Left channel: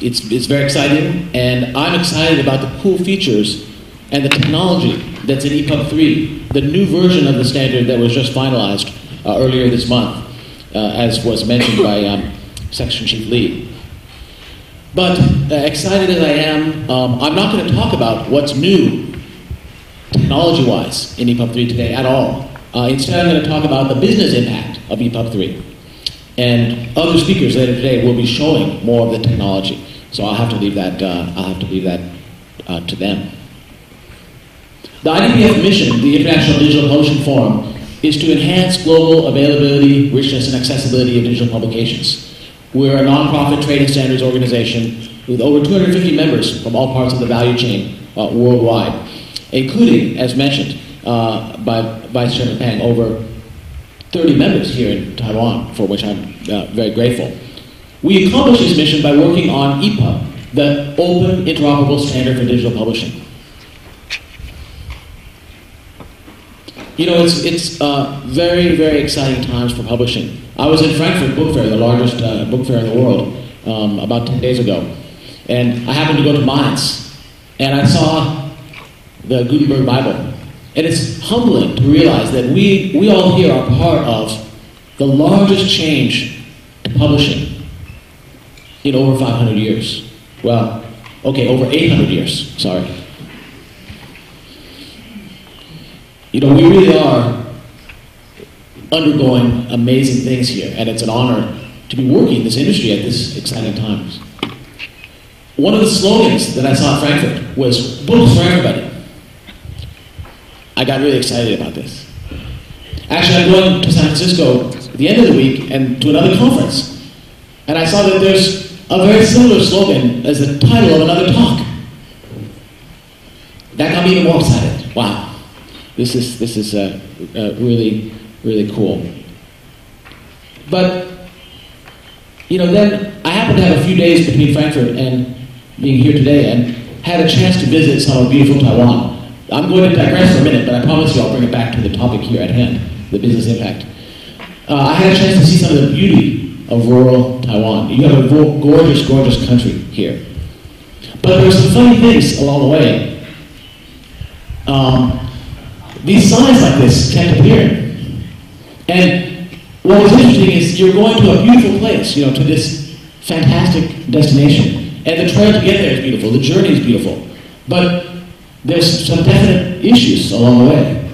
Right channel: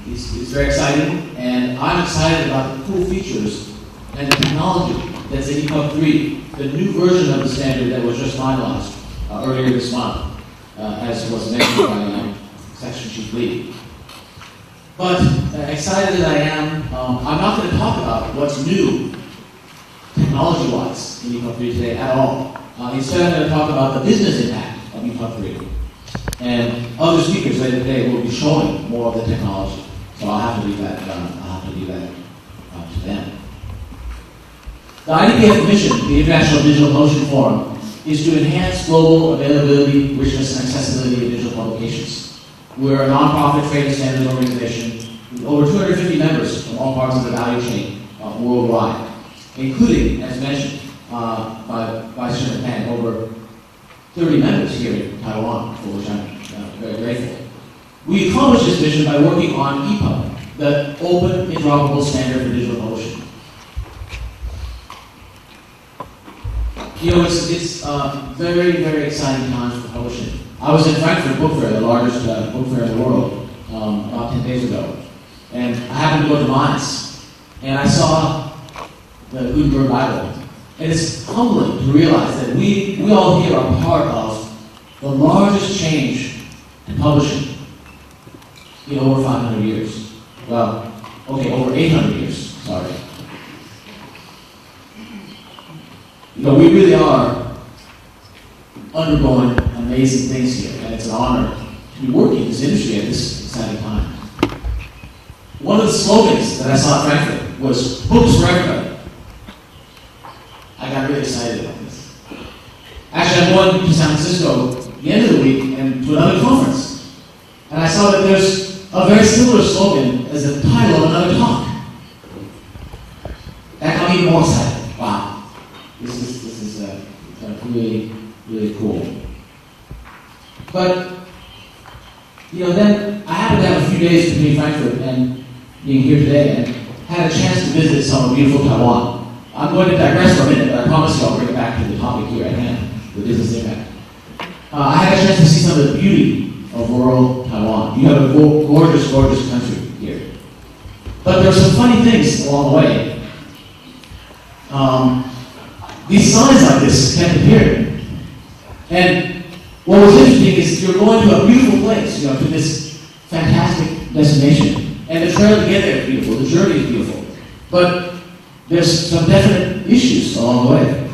It's very exciting, and I'm excited about the cool features and the technology that's in EPUB3, the new version of the standard that was just finalized earlier this month, as was mentioned by Section Chief Lee. But excited as I am, I'm not going to talk about what's new technology-wise in EPUB3 today at all. Instead, I'm going to talk about the business impact of EPUB3. And other speakers later today will be showing more of the technology. So I'll have to leave that to them. The IDPF mission, the International Digital Publishing Forum, is to enhance global availability, richness, and accessibility of digital publications. We're a nonprofit trade and standards organization with over 250 members from all parts of the value chain worldwide, including, as mentioned by Vice Chairman Pang, over 30 members here in Taiwan, for which I'm very grateful. We accomplished this mission by working on EPUB, the Open Interoperable Standard for Digital Publishing. You know, it's very, very exciting times for publishing. I was at Frankfurt Book Fair, the largest book fair in the world, about 10 days ago. And I happened to go to Mainz, and I saw the Gutenberg Bible. And it's humbling to realize that we all here are part of the largest change to publishing in over 500 years. Well, okay, over 800 years, sorry. You know, we really are undergoing amazing things here, and it's an honor to be working in this industry at this exciting time. One of the slogans that I saw at Frankfurt was "Books for Everybody." I got really excited about this. Actually, I'm going to San Francisco at the end of the week and to another conference, and I saw that there's a very similar slogan as the title of another talk. That got me even more excited. Wow, this is really, really cool. But you know, then I happened to have a few days between Frankfurt and being here today, and had a chance to visit some beautiful Taiwan. I'm going to digress for a minute, but I promise you I'll bring it back to the topic here at hand, the business impact. I had a chance to see some of the beauty of rural Taiwan. You have a gorgeous, gorgeous country here. But there's some funny things along the way. These signs like this kept appearing. And what was interesting is you're going to a beautiful place, you know, to this fantastic destination. And the trek to get there is beautiful, the journey is beautiful. But there's some definite issues along the way.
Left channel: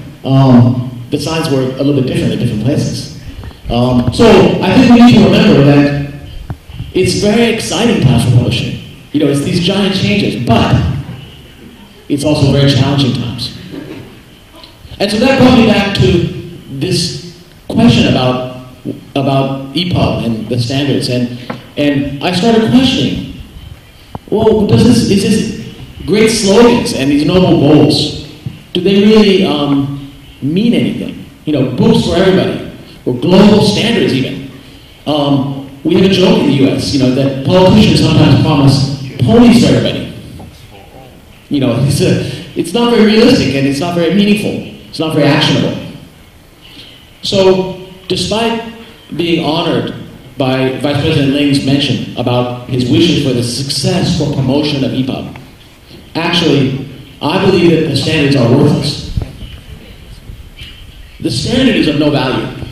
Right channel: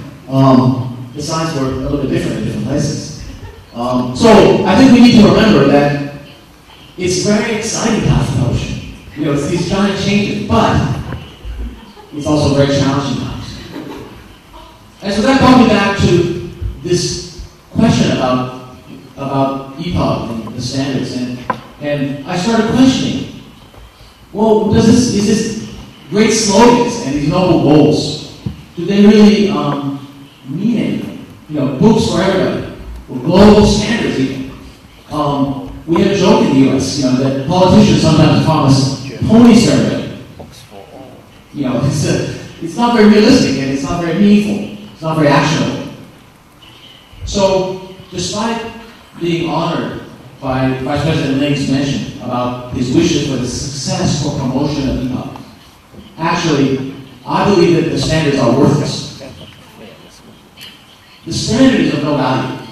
The signs were a little bit different in different places. So I think we need to remember that it's very exciting times for publishing. You know, it's these giant changes, but it's also very challenging times. And so that brought me back to this question about EPUB and the standards, and I started questioning, well, is this great slogans and these noble goals, do they really mean anything? You know, books for everybody, or global standards even. We have a joke in the U.S., you know, that politicians sometimes promise ponies for everybody. You know, it's not very realistic and it's not very meaningful. It's not very actionable. So, despite being honored by Vice President Ling's mention about his wishes for the success or promotion of EPUB, actually, I believe that the standards are worthless. The standard is of no value.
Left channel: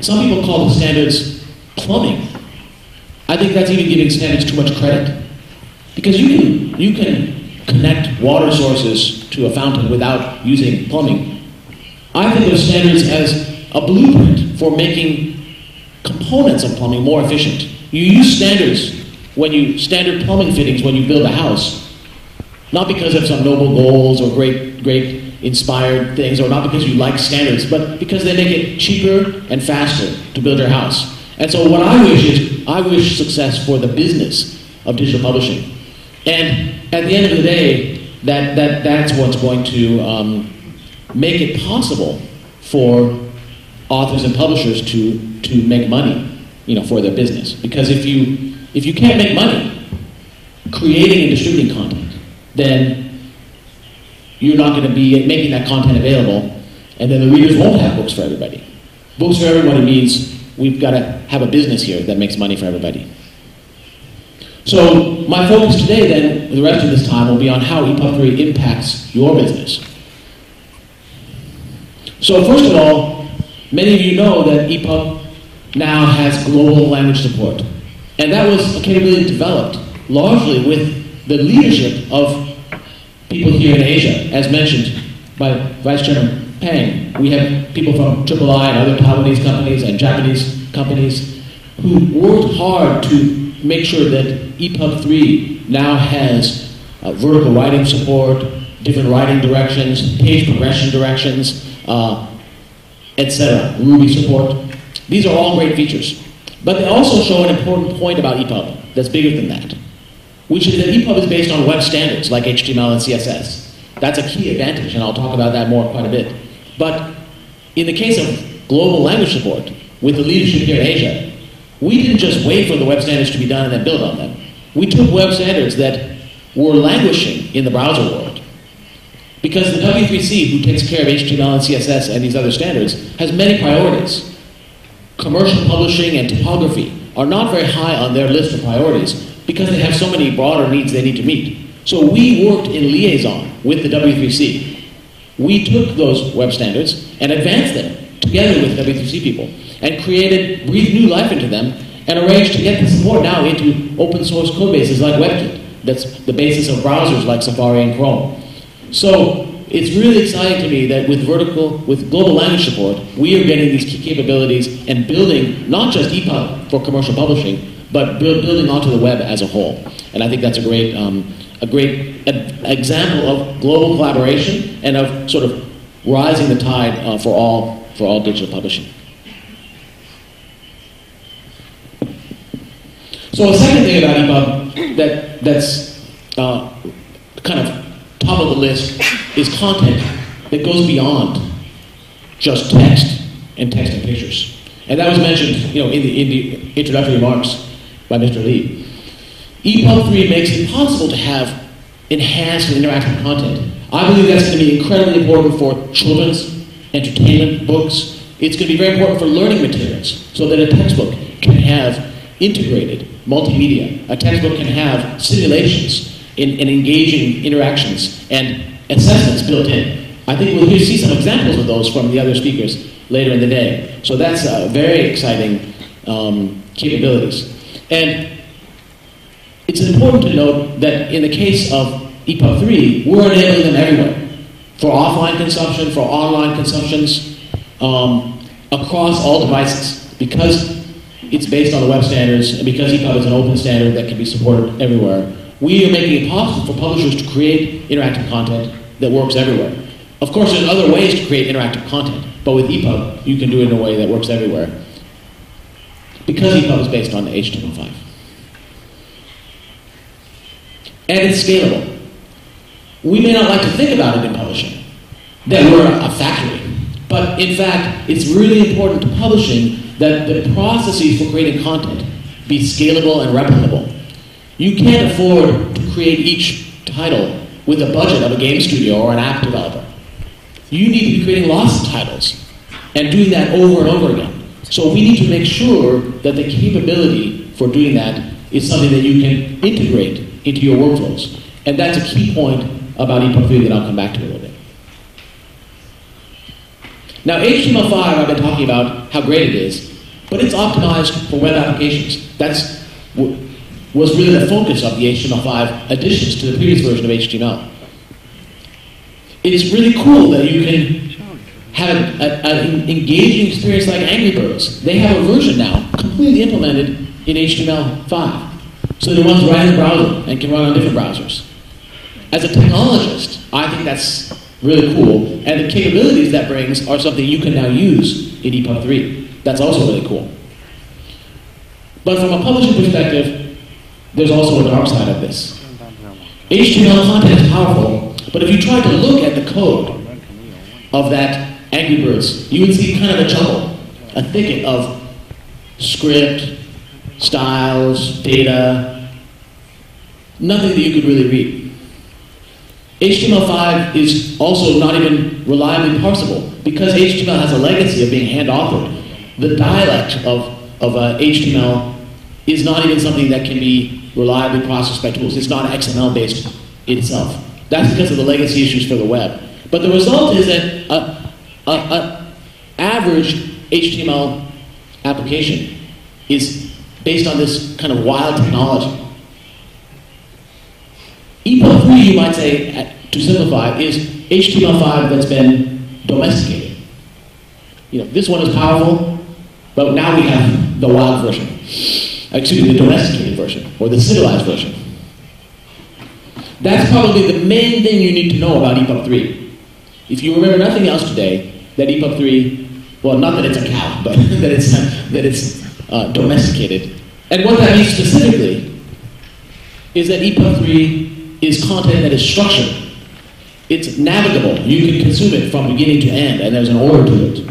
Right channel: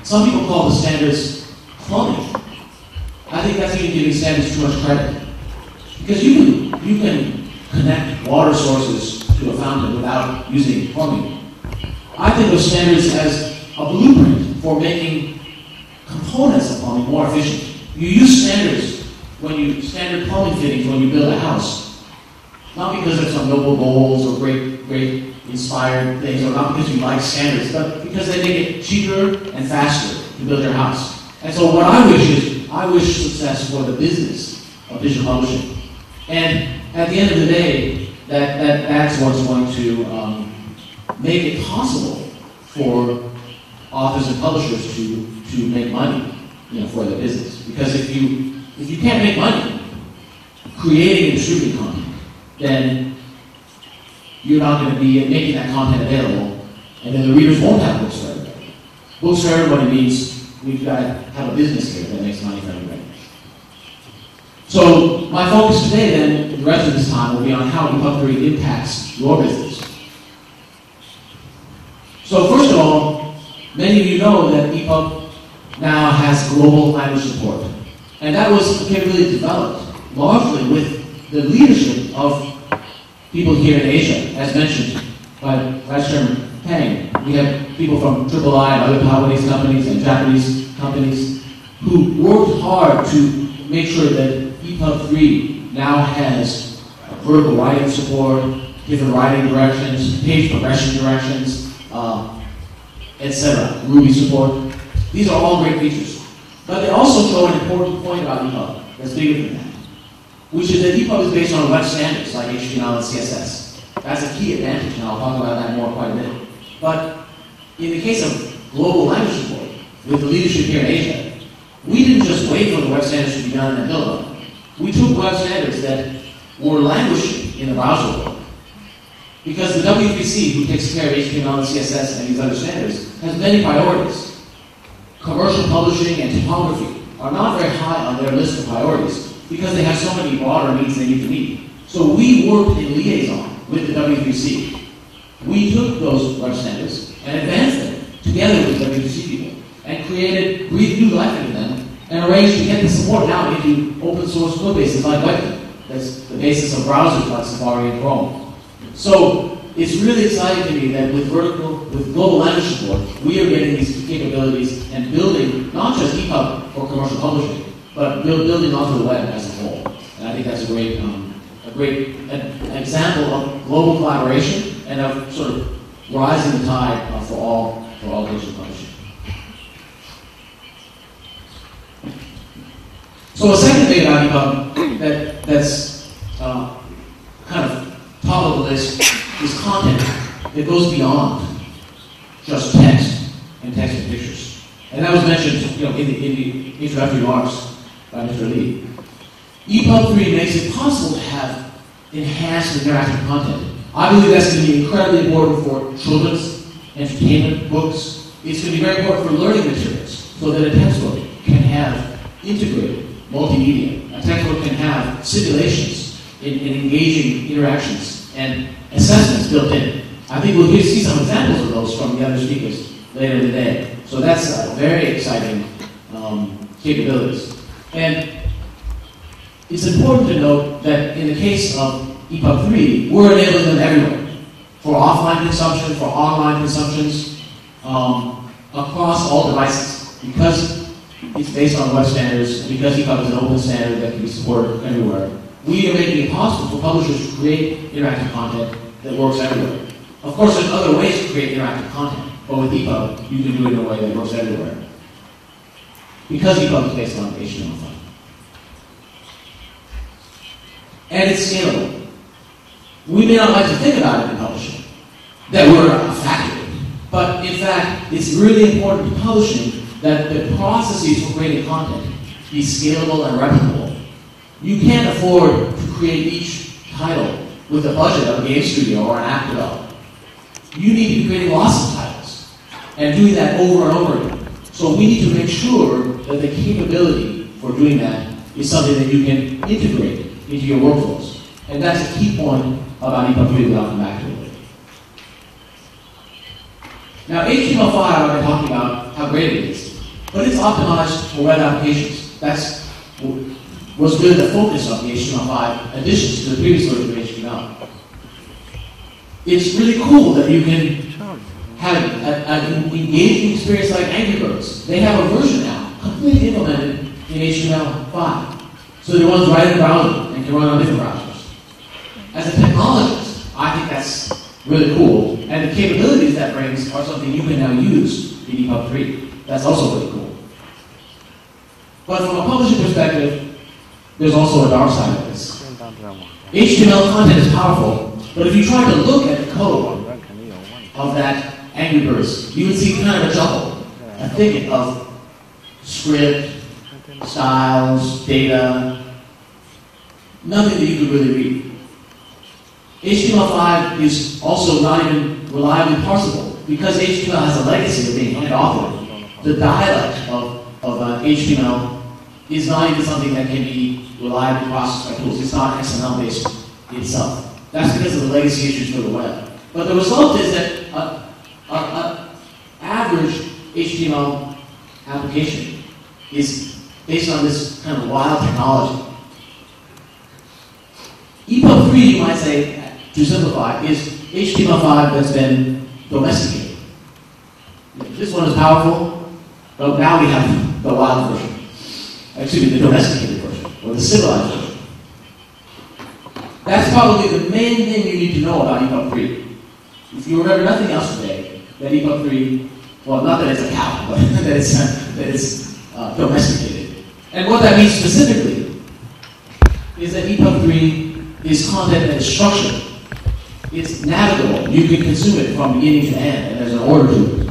Some people call the standards plumbing. I think that's even giving standards too much credit. Because you can connect water sources to a fountain without using plumbing. I think of standards as a blueprint for making components of plumbing more efficient. You use standards standard plumbing fittings when you build a house, not because of some noble goals or great inspired things, or not because you like standards, but because they make it cheaper and faster to build your house. And so what I wish success for the business of digital publishing. And at the end of the day, that's what's going to make it possible for authors and publishers to make money, you know, for their business. Because if you can't make money creating and distributing content, then you're not going to be making that content available, and then the readers won't have books for everybody. Books for everybody means we've got to have a business here that makes money for everybody. So my focus today then, for the rest of this time, will be on how EPUB3 impacts your business. So first of all, many of you know that EPUB now has global language support. And that was a capability developed largely with the leadership of people here in Asia, as mentioned by Vice Chairman Peng. We have people from III and other Taiwanese companies and Japanese companies who worked hard to make sure that EPUB3 now has vertical writing support, different writing directions, page progression directions, etc., Ruby support. These are all great features. But they also show an important point about EPUB that's bigger than that, which is that EPUB is based on web standards like HTML and CSS. That's a key advantage, and I'll talk about that more quite a bit. But in the case of global language support, with the leadership here in Asia, we didn't just wait for the web standards to be done and then build on them. We took web standards that were languishing in the browser world. Because the W3C, who takes care of HTML and CSS and these other standards, has many priorities. Commercial publishing and typography are not very high on their list of priorities because they have so many broader needs they need to meet. So we worked in liaison with the W3C. We took those web standards and advanced them together with W3C people and breathed new life into them and arranged to get the support now into open source code bases like WebKit. That's the basis of browsers like Safari and Chrome. So it's really exciting to me that with global language support, we are getting these key capabilities and building not just EPUB for commercial publishing, but building onto the web as a whole. And I think that's a great example of global collaboration and of sort of rising the tide for all digital publishing. So a second thing about EPUB that's kind of top of the list is content that goes beyond just text and pictures. And that was mentioned, in the introductory remarks by Mr. Lee. EPUB3 makes it possible to have enhanced and interactive content. I believe that's going to be incredibly important for children's entertainment books. It's going to be very important for learning materials, so that a textbook can have integrated multimedia. A textbook can have simulations and engaging interactions and assessments built in. I think we'll see some examples of those from the other speakers later in the day. So that's very exciting capabilities. And it's important to note that in the case of EPUB3, we're enabling them everywhere. For offline consumption, for online consumptions, across all devices. Because it's based on web standards, and because EPUB is an open standard that can be supported everywhere, we are making it possible for publishers to create interactive content that works everywhere. Of course, there's other ways to create interactive content, but with EPUB, you can do it in a way that works everywhere. Because EPUB is based on HTML5. And it's scalable. We may not like to think about it in publishing, that we're a factory. But in fact, it's really important to publishing that the processes for creating content be scalable and replicable. You can't afford to create each title with a budget of a game studio or an app developer. You need to be creating lots of titles and doing that over and over again. So we need to make sure that the capability for doing that is something that you can integrate into your workflows. And that's a key point about EPUB3 that I'll come back to in a little bit. Now, HTML5, I've been talking about how great it is, but it's optimized for web applications. That's was really the focus of the HTML5 additions to the previous version of HTML. It's really cool that you can have an engaging experience like Angry Birds. They have a version now, completely implemented in HTML5. So that it runs right in the browser and can run on different browsers. As a technologist, I think that's really cool. And the capabilities that brings are something you can now use in EPUB3. That's also really cool. But from a publishing perspective, there's also a dark side of this. HTML content is powerful, but if you try to look at the code of that Angry Birds, you would see kind of a jumble, a thicket of script, styles, data, nothing that you could really read. HTML5 is also not even reliably parsable because HTML has a legacy of being hand-authored. The dialect of HTML is not even something that can be reliably processed by tools. It's not XML-based itself. That's because of the legacy issues for the web. But the result is that an average HTML application is based on this kind of wild technology. EPUB3, you might say, to simplify, is HTML5 that's been domesticated. This one is powerful, but now we have the wild version. Excuse me, the domesticated version, or the civilized version. That's probably the main thing you need to know about EPUB3. If you remember nothing else today, that EPUB3, well, not that it's a cow, but that it's domesticated. And what that means specifically is that EPUB3 is content that is structured. It's navigable. You can consume it from beginning to end, and there's an order to it.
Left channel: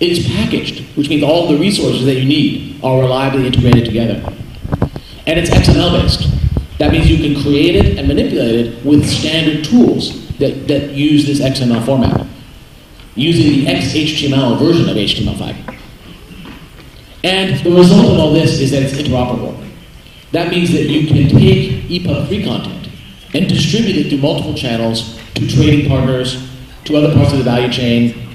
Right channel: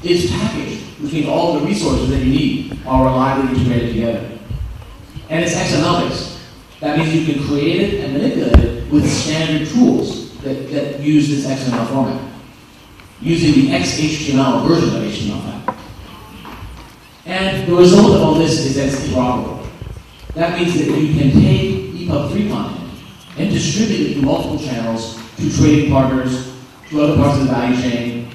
It's packaged, which means all the resources that you need are reliably integrated together. And it's XML-based. That means you can create it and manipulate it with standard tools that use this XML format, using the XHTML version of HTML5. And the result of all this is that it's interoperable. That means that you can take EPUB3 content and distribute it through multiple channels to trading partners, to other parts of the value chain.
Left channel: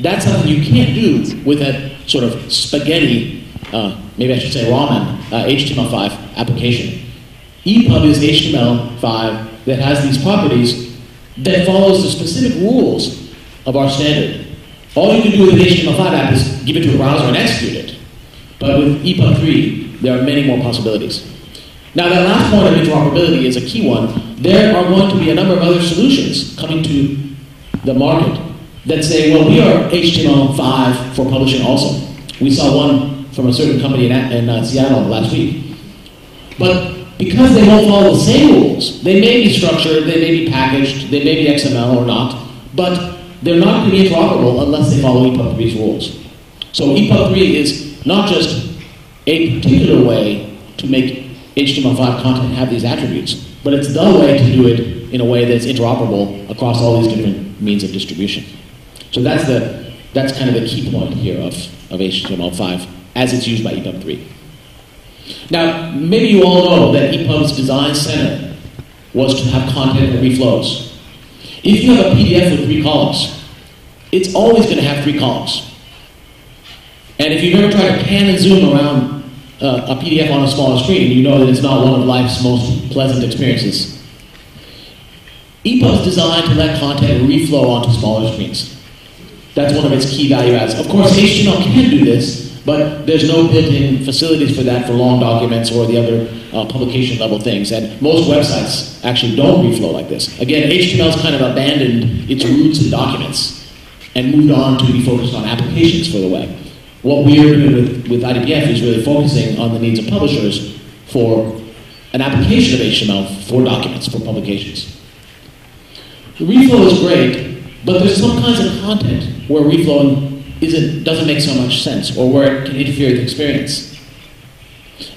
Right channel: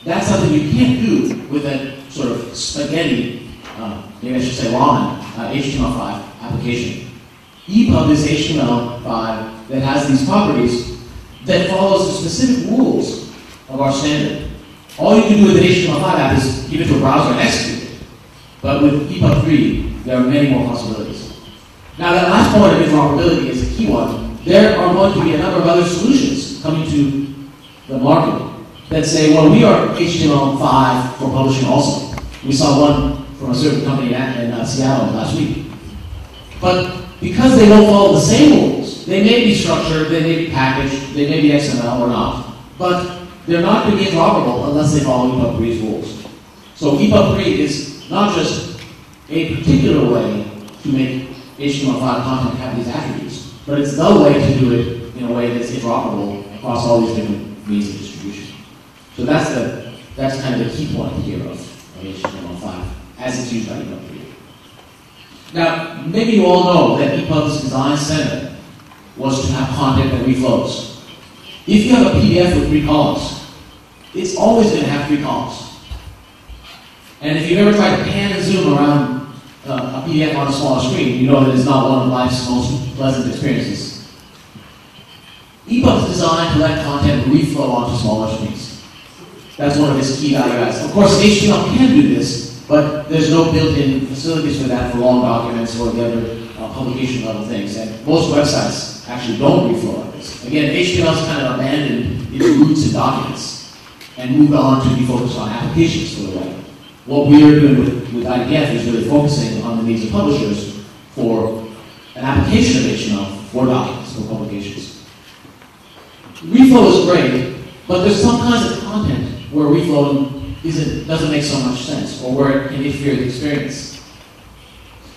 That's something you can't do with a sort of spaghetti, maybe I should say ramen, HTML5 application. EPUB is HTML5 that has these properties that follows the specific rules of our standard. All you can do with an HTML5 app is give it to a browser and execute it. But with EPUB3, there are many more possibilities. Now, that last point of interoperability is a key one. There are going to be a number of other solutions coming to the market that say, well, we are HTML5 for publishing also. We saw one from a certain company in Seattle last week. But because they don't follow the same rules, they may be structured, they may be packaged, they may be XML or not, but they're not going to be interoperable unless they follow EPUB3's rules. So EPUB3 is not just a particular way to make HTML5 content have these attributes, but it's the way to do it in a way that's interoperable across all these different means of distribution. So that's kind of the key point here of HTML5 as it's used by EPUB3. Now, maybe you all know that EPUB's design center was to have content that reflows. If you have a PDF with 3 columns, it's always going to have 3 columns. And if you've ever tried to pan and zoom around a PDF on a smaller screen, you know that it's not one of life's most pleasant experiences. EPUB's designed to let content reflow onto smaller screens. That's one of its key value adds. Of course, HTML can do this, but there's no built-in facilities for that for long documents or the other publication-level things. And most websites actually don't reflow like this. Again, HTML has kind of abandoned its roots in documents and moved on to be focused on applications for the web. What we're doing with IDPF is really focusing on the needs of publishers for an application of HTML for documents, for publications. Reflow is great, but there's some kinds of content where reflow doesn't make so much sense, or where it can interfere with experience.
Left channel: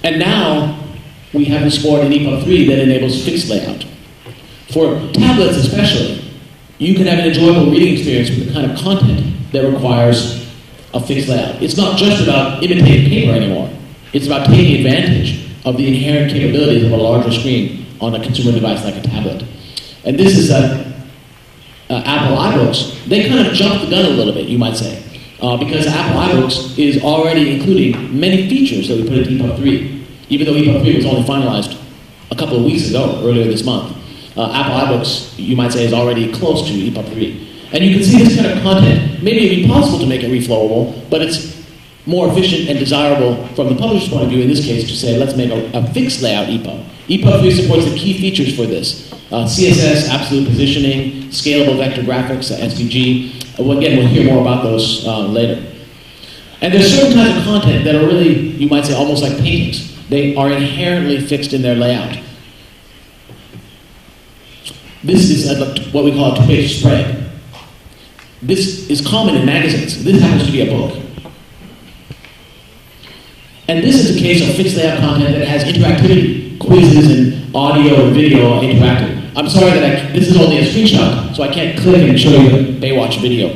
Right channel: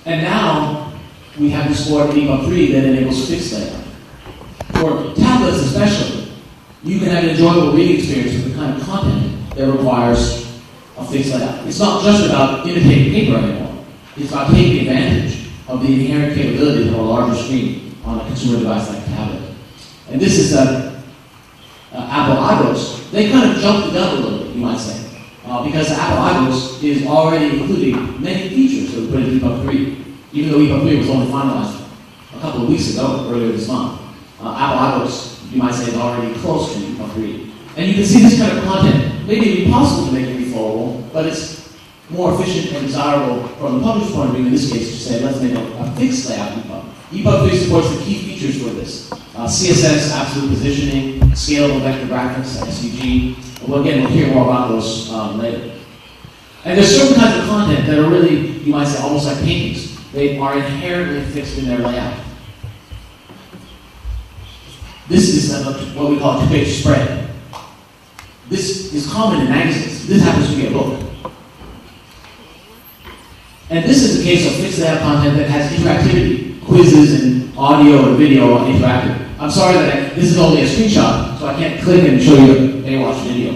And now we have explored in EPUB3 that enables fixed layout. For tablets especially, you can have an enjoyable reading experience with the kind of content that requires a fixed layout. It's not just about imitating paper anymore. It's about taking advantage of the inherent capabilities of a larger screen on a consumer device like a tablet. And this is Apple iBooks. They kind of jumped the gun a little bit, you might say. Because Apple iBooks is already including many features that we put into EPUB3, even though EPUB3 was only finalized a couple of weeks ago, earlier this month. Apple iBooks, you might say, is already close to EPUB3. And you can see this kind of content. Maybe it'd be possible to make it reflowable, but it's more efficient and desirable from the publisher's point of view, in this case, to say, let's make a fixed layout EPUB. EPUB3 supports the key features for this. CSS, absolute positioning, scalable vector graphics, SVG. Again, we'll hear more about those later. And there's certain kinds of content that are really, you might say, almost like paintings. They are inherently fixed in their layout. This is what we call a 2-page spread. This is common in magazines. This happens to be a book. And this is a case of fixed layout content that has interactivity, quizzes, and audio and video are interactive. I'm sorry that this is only a screenshot, so I can't click and show you a Baywatch video.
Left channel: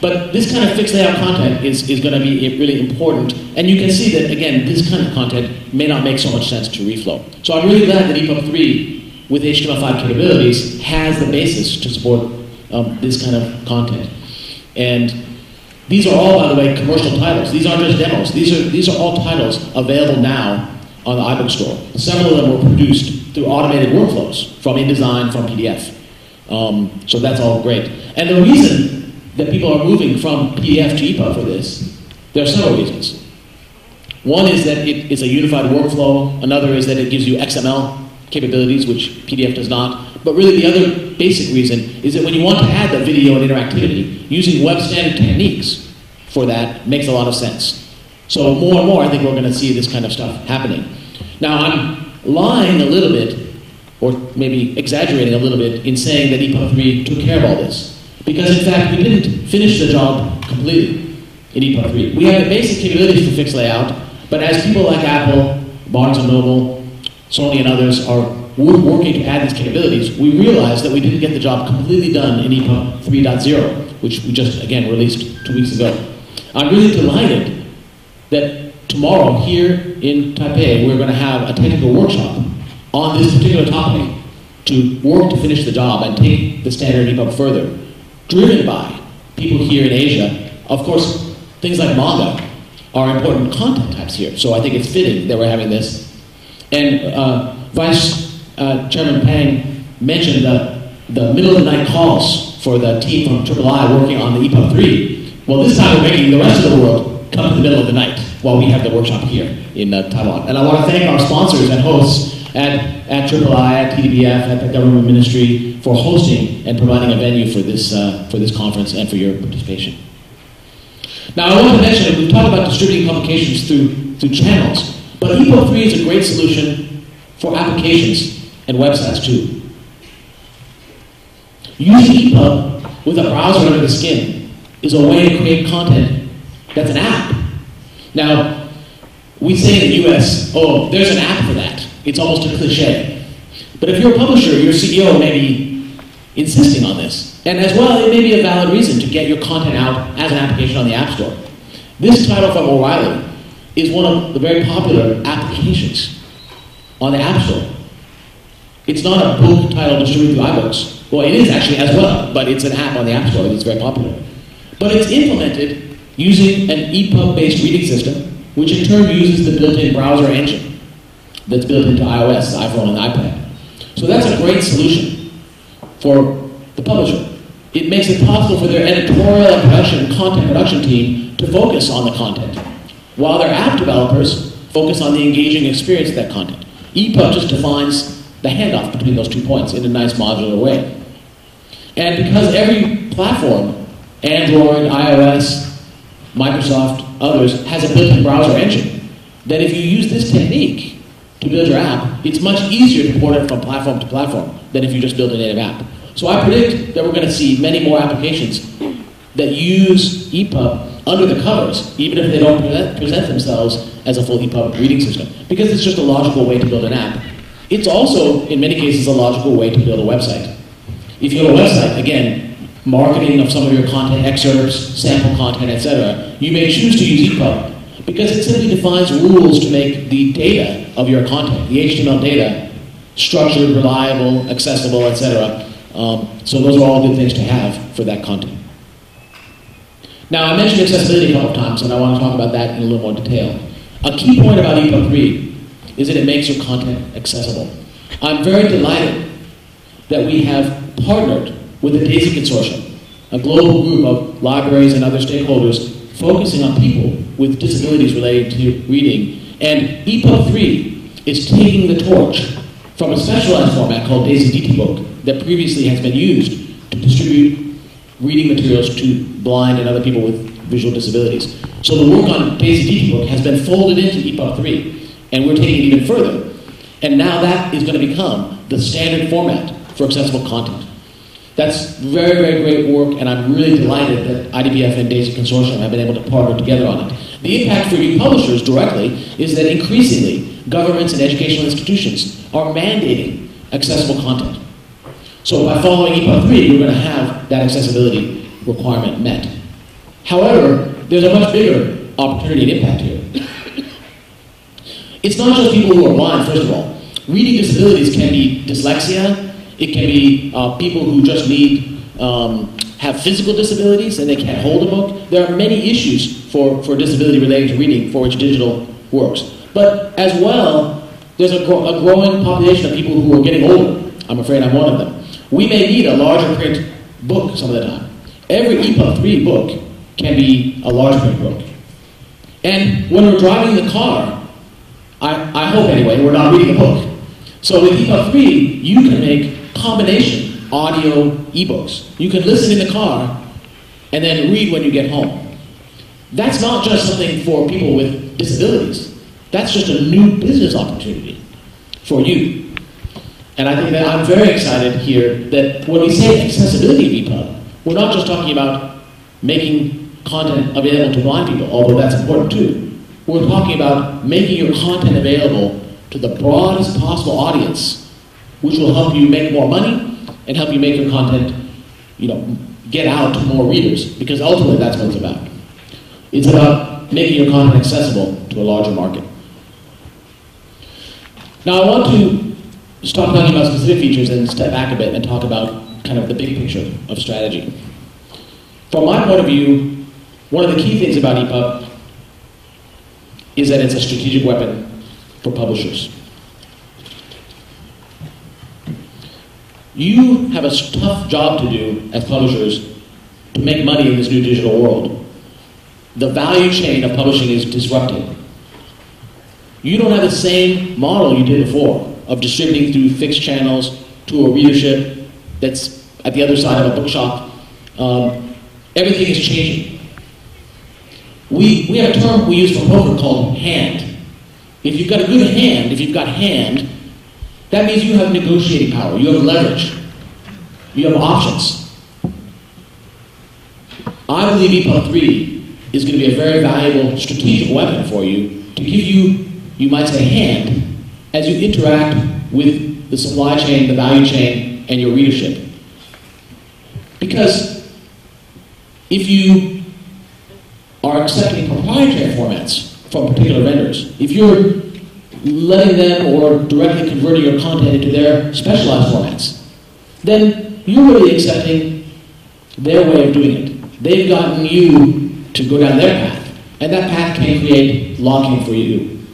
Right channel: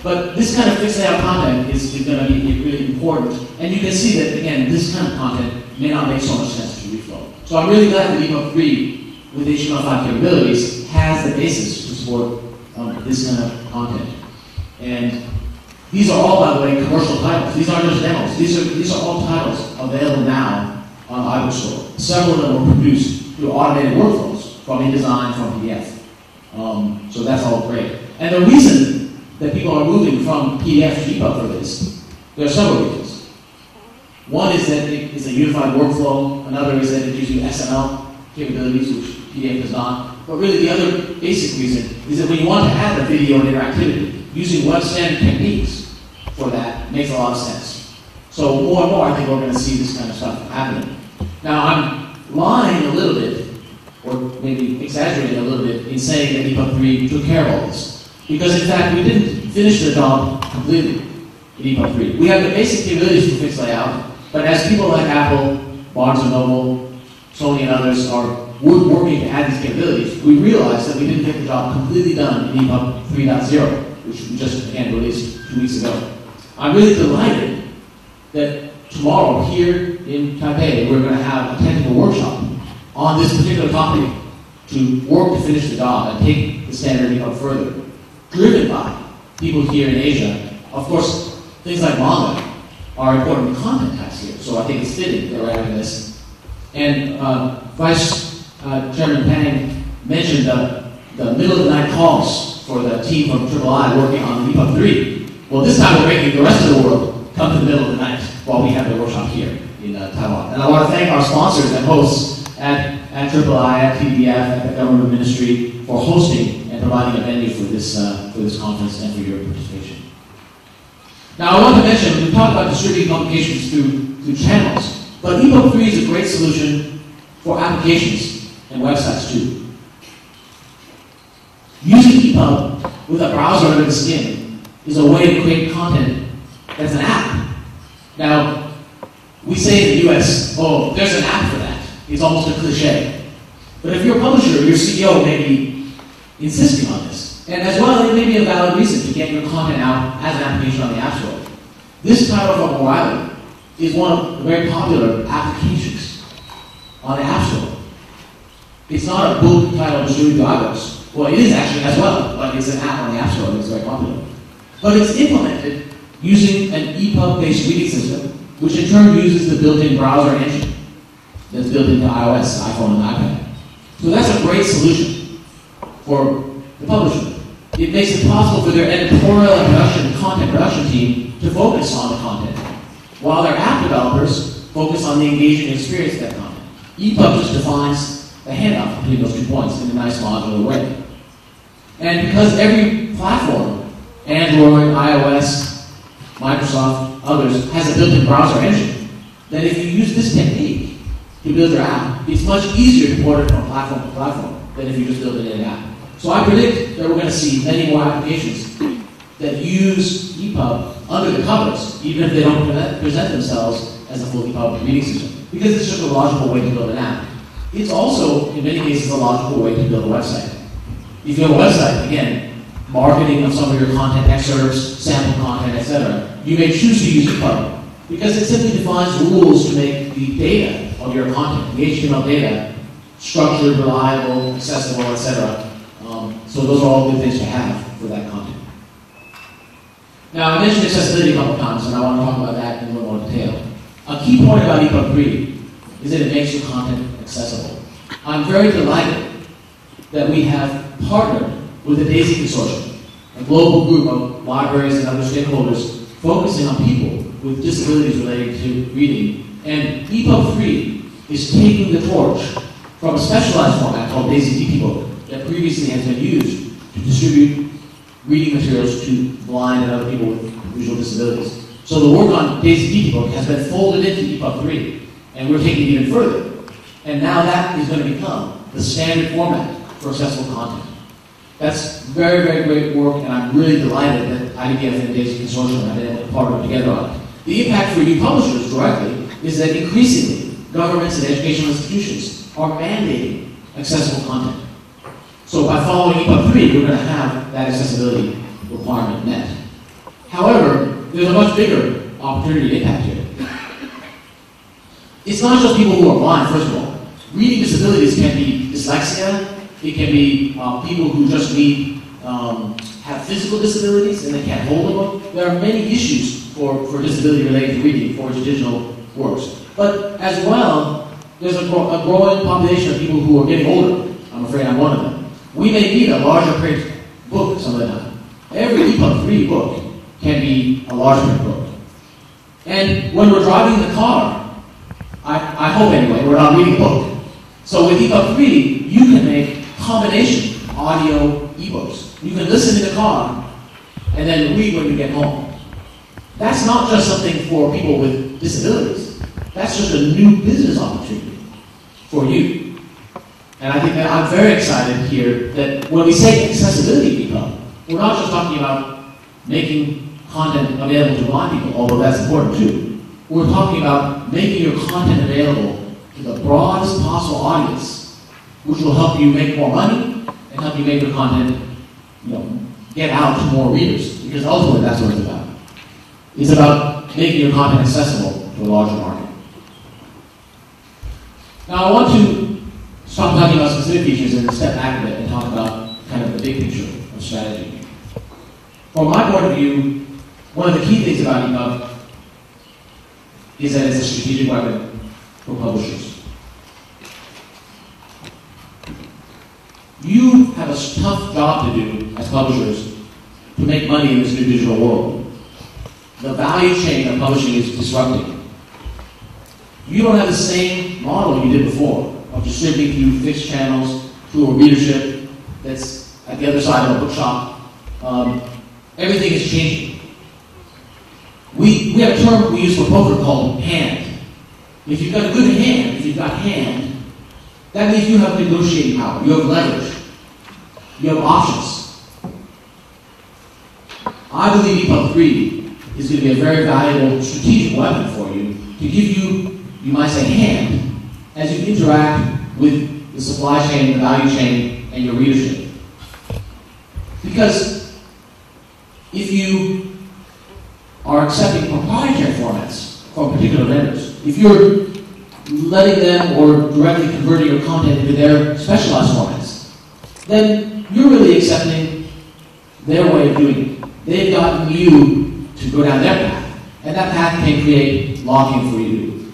But this kind of fixed layout content is going to be really important. And you can see that, again, this kind of content may not make so much sense to reflow. So I'm really glad that EPUB 3, with HTML5 capabilities, has the basis to support this kind of content. And these are all, by the way, commercial titles. These aren't just demos. These are all titles available now on the iBook store. Several of them were produced through automated workflows from InDesign, from PDF. So that's all great. And the reason that people are moving from PDF to EPUB for this, there are several reasons. One is that it is a unified workflow. Another is that it gives you XML capabilities, which PDF does not. But really the other basic reason is that when you want to add the video and interactivity, using web standard techniques for that makes a lot of sense. So more and more I think we're going to see this kind of stuff happening. Now I'm lying a little bit, or maybe exaggerating a little bit, in saying that EPUB 3 took care of all this. Because in fact, we didn't finish the job completely in EPUB 3. We have the basic capabilities for fixed layout, but as people like Apple, Barnes & Noble, Sony and others are working to add these capabilities, we realized that we didn't get the job completely done in EPUB 3.0, which we just, again, released 2 weeks ago. I'm really delighted that tomorrow here in Taipei, we're going to have a technical workshop on this particular topic to work to finish the job and take the standard EPUB further, driven by people here in Asia. Of course, things like manga are important content types here, so I think it's fitting that we're having this. And Vice Chairman Pang mentioned the middle of the night calls for the team from III working on the EPUB 3. Well, this time we're making the rest of the world come to the middle of the night while we have the workshop here in Taiwan. And I want to thank our sponsors and hosts at III, at TDBF, at the government ministry for hosting and providing a venue for this conference and for your participation. Now I want to mention, we talked about distributing publications through channels, but EPUB 3 is a great solution for applications and websites too. Using EPUB with a browser under the skin is a way to create content that's an app. Now, we say in the US, oh, there's an app for that. It's almost a cliche. But if you're a publisher, your CEO may be insisting on this. And as well, it may be a valid reason to get your content out as an application on the App Store. This title from O'Reilly is one of the very popular applications on the App Store. It's not a book title distributed through iBooks. Well, it is actually as well, but it's an app on the App Store that's very popular. But it's implemented using an EPUB-based reading system, which in turn uses the built-in browser engine that's built into iOS, iPhone, and iPad. So that's a great solution for the publisher. It makes it possible for their editorial and production, content production team to focus on the content, while their app developers focus on the engaging experience of that content. EPUB just defines the handoff between those 2 points in a nice modular way. And because every platform, Android, iOS, Microsoft, others, has a built-in browser engine, then if you use this technique to build your app, it's much easier to port it from platform to platform than if you just build a native app. So I predict that we're going to see many more applications that use EPUB under the covers, even if they don't present themselves as a full EPUB reading system, because it's just a logical way to build an app. It's also, in many cases, a logical way to build a website. If you have a website, again, marketing of some of your content excerpts, sample content, etc., you may choose to use EPUB because it simply defines rules to make the data of your content, the HTML data, structured, reliable, accessible, etc. So those are all good things to have for that content. Now, I mentioned accessibility a couple times, and I want to talk about that in a little more detail. A key point about EPUB 3 is that it makes your content accessible. I'm very delighted that we have partnered with the DAISY Consortium, a global group of libraries and other stakeholders focusing on people with disabilities related to reading. And EPUB 3 is taking the torch from a specialized format called DAISY DT Book that previously has been used to distribute reading materials to blind and other people with visual disabilities. So the work on DAISY DT Book has been folded into EPUB 3, and we're taking it even further. And now that is going to become the standard format for accessible content. That's very, very great work, and I'm really delighted that IDPF and DAISY Consortium have been able to partner together on it. The impact for you publishers directly is that increasingly governments and educational institutions are mandating accessible content. So by following EPUB 3, we're going to have that accessibility requirement met. However, there's a much bigger opportunity and impact here. It's not just people who are blind, first of all. Reading disabilities can be dyslexia. It can be people who just need, have physical disabilities and they can't hold a book. There are many issues for disability related to reading for which digital works. But as well, there's a growing population of people who are getting older. I'm afraid I'm one of them. We may need a larger print book some of the time. Every EPUB3 book can be a large print book. And when we're driving the car, I hope anyway, we're not reading a book. So with EPUB3, you can make combination audio ebooks. You can listen in the car and then read when you get home. That's not just something for people with disabilities. That's just a new business opportunity for you. And I think that I'm very excited here that when we say accessibility of EPUB, we're not just talking about making content available to blind people, although that's important too. We're talking about making your content available to the broadest possible audience, which will help you make more money and help you make your content, get out to more readers, because ultimately that's what it's about. It's about making your content accessible to a larger market. Now I want to stop talking about specific features and step back a bit and talk about kind of the big picture of strategy. From my point of view, one of the key things about EPUB is that it's a strategic weapon for publishers. You have a tough job to do as publishers to make money in this new digital world. The value chain of publishing is disrupted. You don't have the same model you did before of distributing through fixed channels to a readership that's at the other side of the bookshop. Everything is changing. We have a term we use for poker called hand. If you've got a good hand, if you've got hand, that means you have negotiating power, you have leverage, you have options. I believe EPUB3 is going to be a very valuable strategic weapon for you to give you, you might say, hand as you interact with the supply chain, the value chain, and your readership. Because if you are accepting proprietary formats from particular vendors, if you're letting them or directly converting your content into their specialized formats, then you're really accepting their way of doing it. They've gotten you to go down their path, and that path can create locking for you.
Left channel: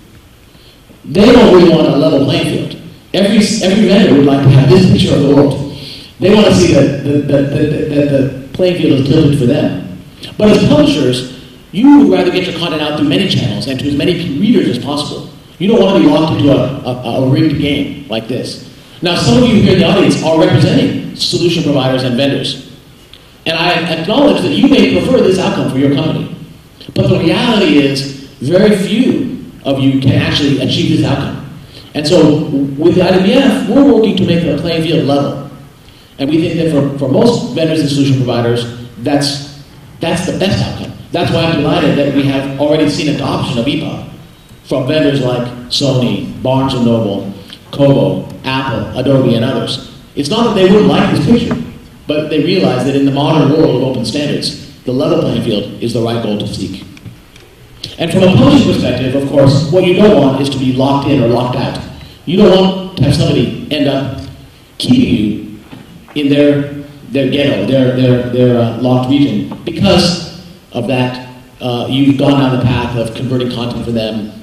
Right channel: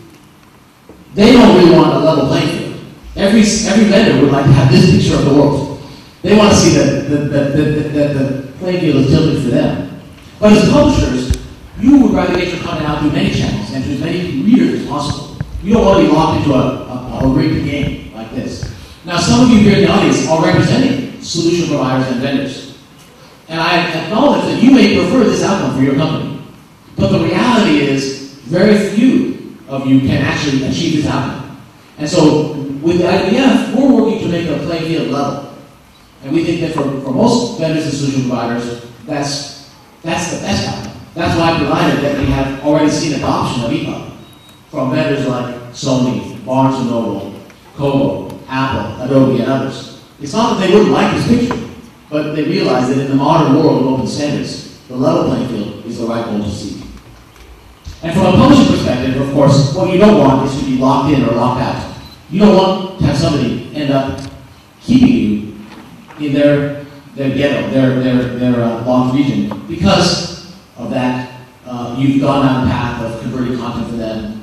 They don't really want a level playing field. Every vendor would like to have this picture of the world. They want to see that the playing field is tilted for them. But as publishers, you would rather get your content out through many channels and to as many readers as possible. You don't want to be locked into a rigged game like this. Now, some of you here in the audience are representing solution providers and vendors. And I acknowledge that you may prefer this outcome for your company. But the reality is, very few of you can actually achieve this outcome. And so, with IDPF, we're working to make the playing field level. And we think that for most vendors and solution providers, that's the best outcome. That's why I'm delighted that we have already seen adoption of EPUB from vendors like Sony, Barnes & Noble, Kobo, Apple, Adobe, and others. It's not that they wouldn't like this picture, but they realize that in the modern world of open standards, the level playing field is the right goal to seek. And from a publishing perspective, of course, what you don't want is to be locked in or locked out. You don't want to have somebody end up keeping you in their ghetto, their locked region. Because of that, you've gone down the path of converting content for them.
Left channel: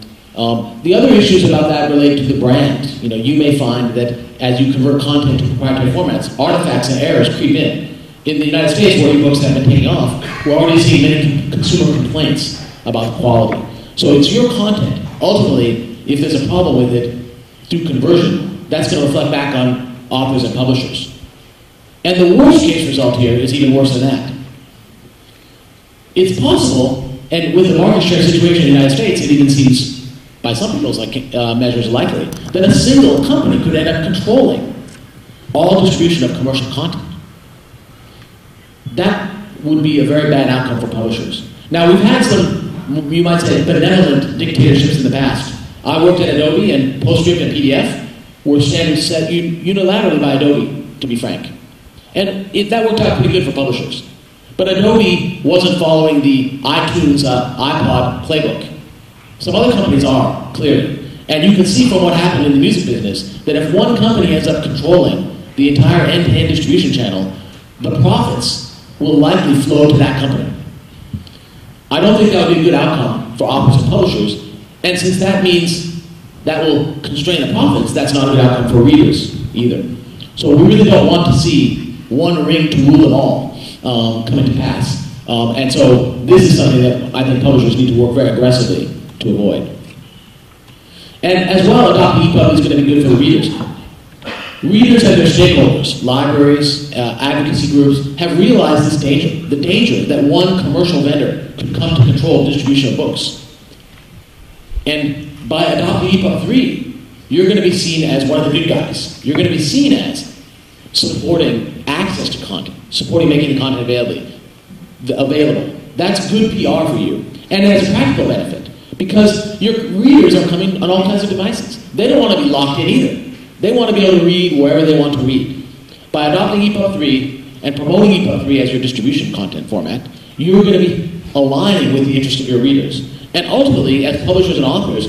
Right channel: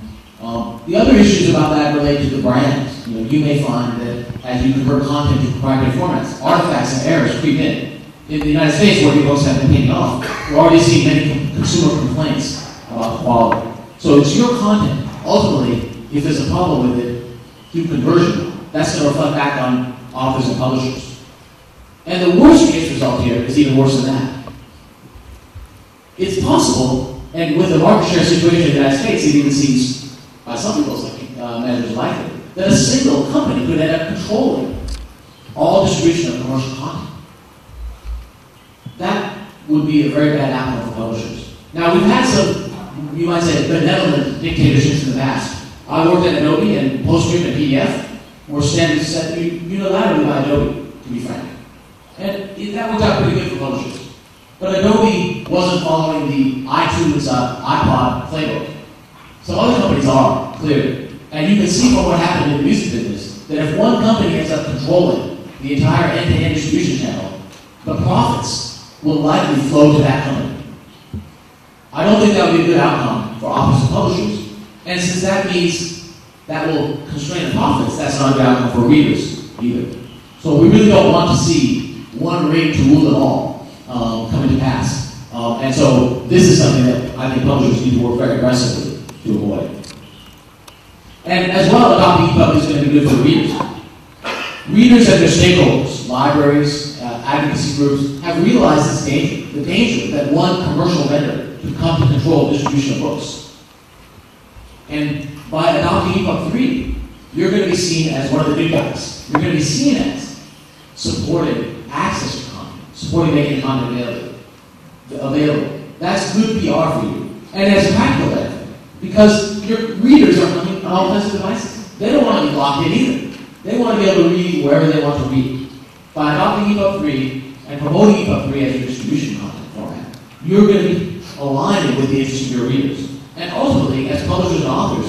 The other issues about that relate to the brand. You may find that as you convert content to proprietary formats, artifacts and errors creep in. In the United States, where ebooks have been taking off, we're already seeing many consumer complaints about the quality. So it's your content. Ultimately, if there's a problem with it through conversion, that's going to reflect back on authors and publishers. And the worst case result here is even worse than that. It's possible, and with the market share situation in the United States, it even seems, by some people's measures, likely, that a single company could end up controlling all distribution of commercial content. That would be a very bad outcome for publishers. Now, we've had some, you might say, benevolent dictatorships in the past. I worked at Adobe, and PostScript and PDF were standards set unilaterally by Adobe, to be frank. And that worked out pretty good for publishers. But Adobe wasn't following the iTunes iPod playbook. Some other companies are, clearly. And you can see from what happened in the music business that if one company ends up controlling the entire end-to-end distribution channel, the profits will likely flow to that company. I don't think that would be a good outcome for authors and publishers, and since that means that will constrain the profits, that's not a good outcome for readers either. So we really don't want to see one ring to rule them all coming to pass. And so this is something that I think publishers need to work very aggressively to avoid. And as well, adopting EPUB is going to be good for readers. Readers and their stakeholders, libraries, advocacy groups, have realized this danger, the danger that one commercial vendor could come to control distribution of books. And by adopting EPUB3, you're going to be seen as one of the good guys. You're going to be seen as supporting access to content, supporting making the content available. That's good PR for you. And it has a practical benefit, because your readers are coming on all kinds of devices. They don't want to be locked in either. They want to be able to read wherever they want to read. By adopting EPUB3 and promoting EPUB3 as your distribution content format, you're going to be aligning with the interests of your readers. And ultimately, as publishers and authors,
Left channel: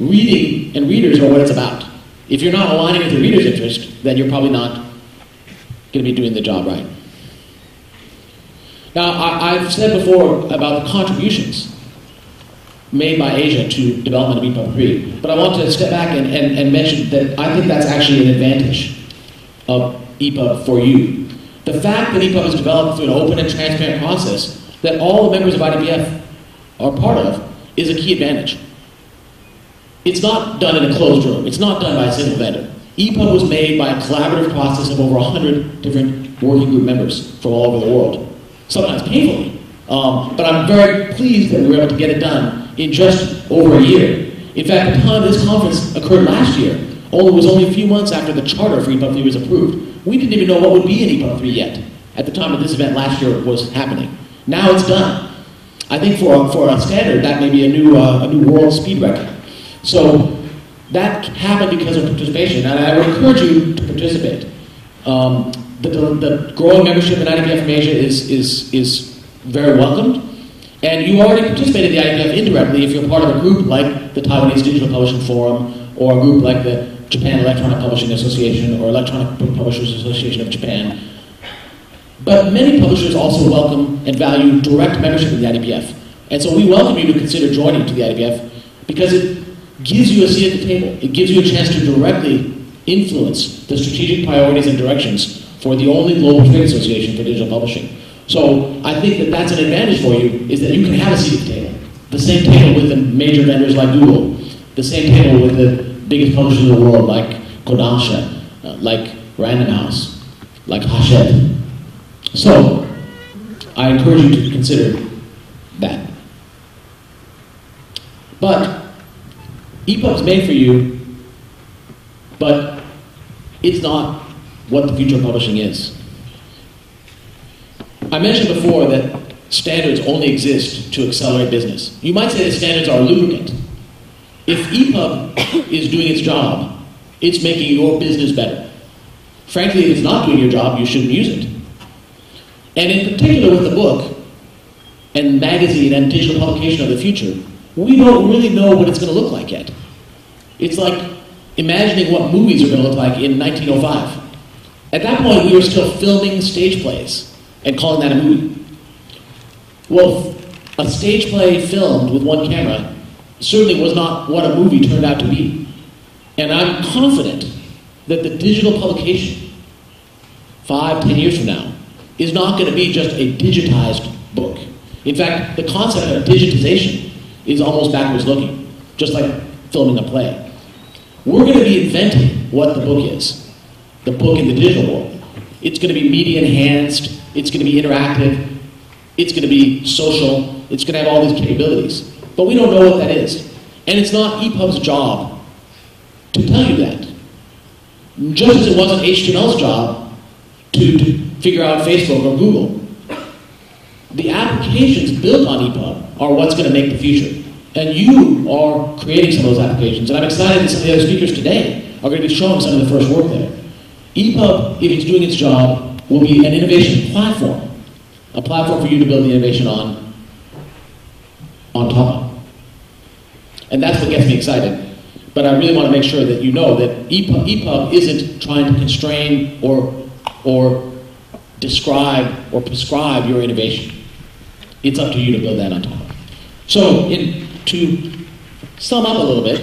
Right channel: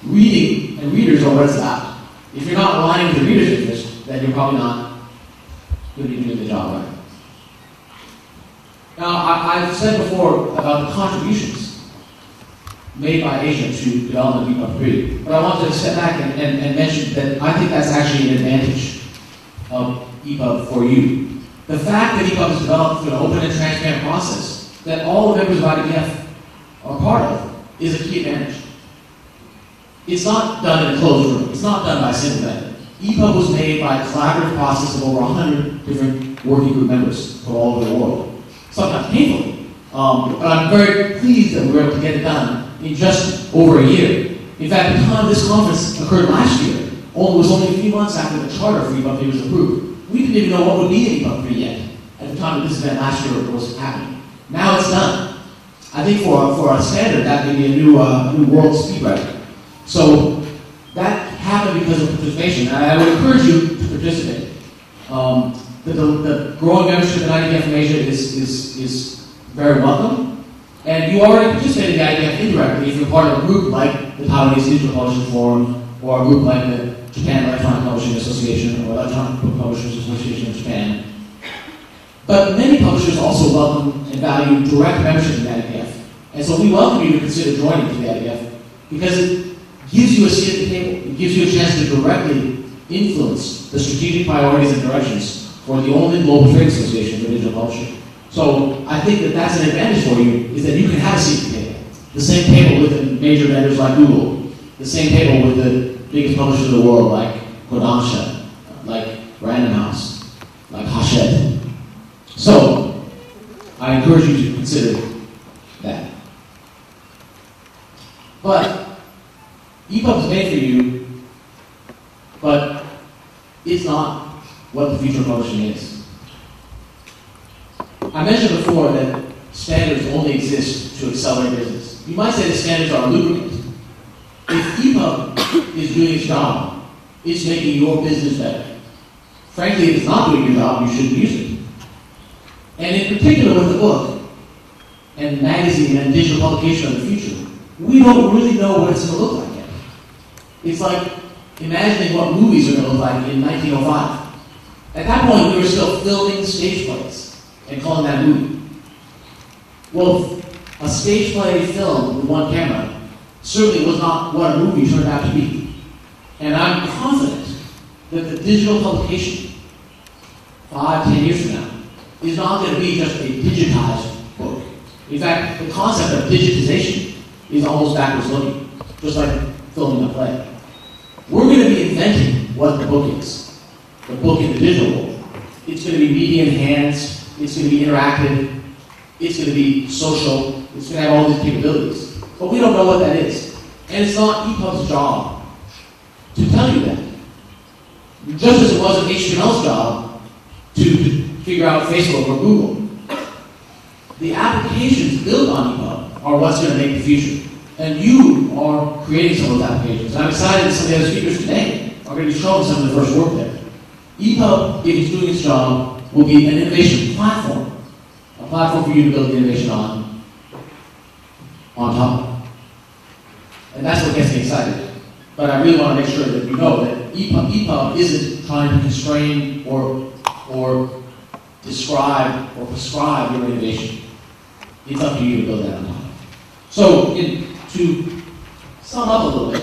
reading and readers are what it's about. If you're not aligning with the reader's interest, then you're probably not going to be doing the job right. Now, I've said before about the contributions made by Asia to development of EPUB3, but I want to step back and mention that I think that's actually an advantage of EPUB for you. The fact that EPUB is developed through an open and transparent process that all the members of IDPF are part of is a key advantage. It's not done in a closed room. It's not done by a single vendor. EPUB was made by a collaborative process of over 100 different working group members from all over the world, sometimes painfully. But I'm very pleased that we were able to get it done in just over a year. In fact, the time this conference occurred last year, it was only a few months after the charter for EPUB3 was approved. We didn't even know what would be in EPUB3 yet at the time that this event last year was happening. Now it's done. I think for a standard, that may be a new world speed record. So that happened because of participation, and I would encourage you to participate. The growing membership in IDPF from Asia is very welcomed. And you already participate in the IDPF indirectly if you're part of a group like the Taiwanese Digital Publishing Forum, or a group like the Japan Electronic Publishing Association, or Electronic Book Publishers Association of Japan. But many publishers also welcome and value direct membership in the IDPF. And so we welcome you to consider joining to the IDPF because it gives you a seat at the table. It gives you a chance to directly influence the strategic priorities and directions for the only global trade association for digital publishing. So I think that that's an advantage for you, is that you can have a seat at the table. The same table with the major vendors like Google, the same table with the biggest publishers in the world like Kodansha, like Random House, like Hachette. So I encourage you to consider that. But EPUB is made for you, but it's not what the future of publishing is. I mentioned before that standards only exist to accelerate business. You might say that standards are a lubricant. If EPUB is doing its job, it's making your business better. Frankly, if it's not doing your job, you shouldn't use it. And in particular with the book and magazine and digital publication of the future, we don't really know what it's going to look like yet. It's like imagining what movies are going to look like in 1905. At that point, we were still filming stage plays and calling that a movie. Well, a stage play filmed with one camera certainly was not what a movie turned out to be. And I'm confident that the digital publication, 5-10 years from now, is not going to be just a digitized book. In fact, the concept of digitization is almost backwards looking, just like filming a play. We're going to be inventing what the book is, the book in the digital world. It's going to be media enhanced, it's going to be interactive, it's going to be social, it's going to have all these capabilities. But we don't know what that is. And it's not EPUB's job to tell you that. Just as it wasn't HTML's job to figure out Facebook or Google. The applications built on EPUB are what's going to make the future. And you are creating some of those applications. And I'm excited that some of the other speakers today are going to be showing some of the first work there. EPUB, if it's doing its job, will be an innovation platform a platform for you to build the innovation on top. And that's what gets me excited. But I really want to make sure that you know that EPUB isn't trying to constrain or describe or prescribe your innovation. It's up to you to build that on top. So to sum up a little bit,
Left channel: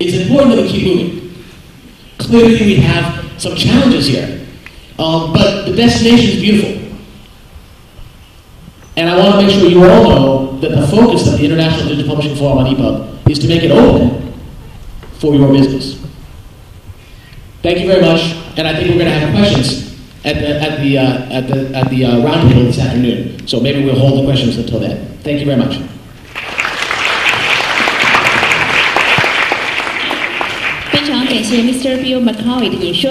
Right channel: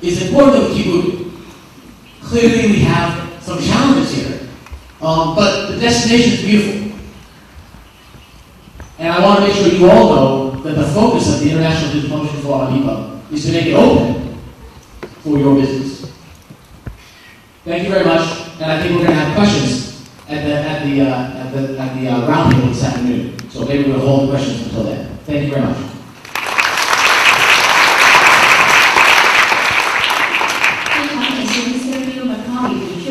it's important that we keep moving. Clearly we have some challenges here, but the destination is beautiful. And I want to make sure you all know that the focus of the International Digital Publishing Forum on EPUB is to make it open for your business. Thank you very much, and I think we're going to have questions at the roundtable this afternoon. So maybe we'll hold the questions until then. Thank you very much. 非常感谢 Mr. Bill McCoy 的演说。